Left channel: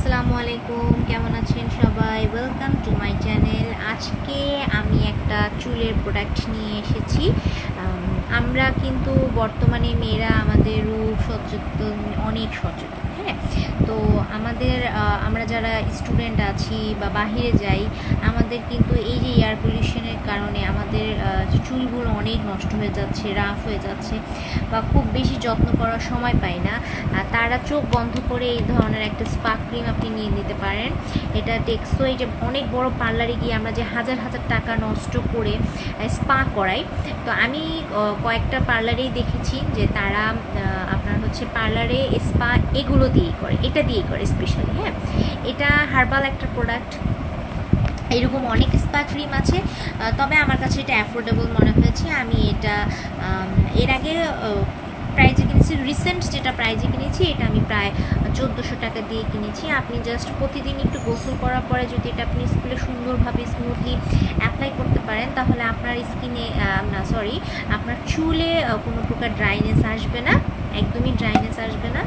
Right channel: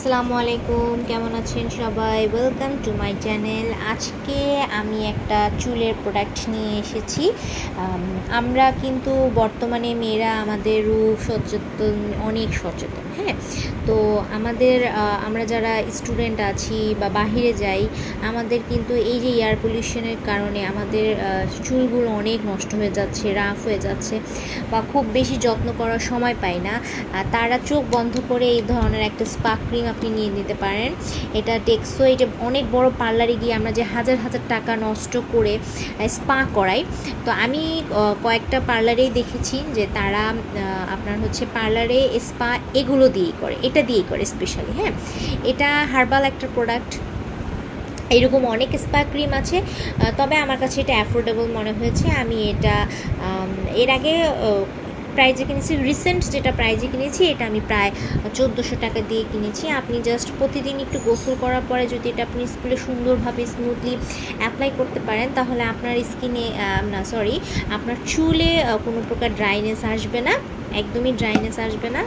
আসসালামু আলাইকুম, কেমন আছেন সবাই? Welcome to my channel. আজকে আমি একটা চুলের প্রোডাক্ট নিয়ে এসেছি। আমরা কিন্তু বর্তমানে মেয়েরা আমাদের রূপ সচেতন, অনেক সচেতন। হ্যাঁ, তো আমরা যারা স্টুডেন্ট আছি বা বাহিরে যাই, আমাদের কিন্তু এই যে এয়ার পলিউশনের কারণে আমাদের চুলগুলো অনেক নষ্ট হয়ে যাচ্ছে, রাফ হয়ে যাচ্ছে, বা খুব বেশি যত্ন করার সময় পাই না। তারা চোখ বন্ধ করে এই ধরনের একটা স্পা ক্রিম আপনি নিয়ে নিতে পারেন। এটা টেকসই। এটা অনেক বড় পার্লারে গিয়ে আমরা যে হাজার হাজার টাকা নষ্ট করে স্পা করাই, তো আমি কয়েকটা পার্লারেই দেখেছি যে তারা আপনার হচ্ছে পার্লারে স্পা এগুলো দিয়েই করে, এটা দিয়েই করে স্পেশালি। হ্যাঁ, এটা হার্বাল একটা প্রোডাক্ট। এরকম অনেক স্পা ক্রিম আছে, তবে আমার কাছে এটা অ্যাফোর্ডেবল মনে হয়েছে। আমি এটা এর আগে প্রাইজে কিনেছি, রিসেন্ট যেটা প্রাইজে কিনেছি এটা আমি প্রায় 1400 টাকা দিয়ে কিনেছি। আপনি জাস্ট প্রতিদিন একটু গোসল করার পরে যদি এটা আপনি স্কুলে সুন্দরভাবে স্মুথলি অ্যাপ্লাই করতে পারেন, তাহলে আপনার স্কিনে আপনার চুলে কোনো প্রকার ড্রাইনেস আসবে না, একদমই ড্রাইনেস আসবে না।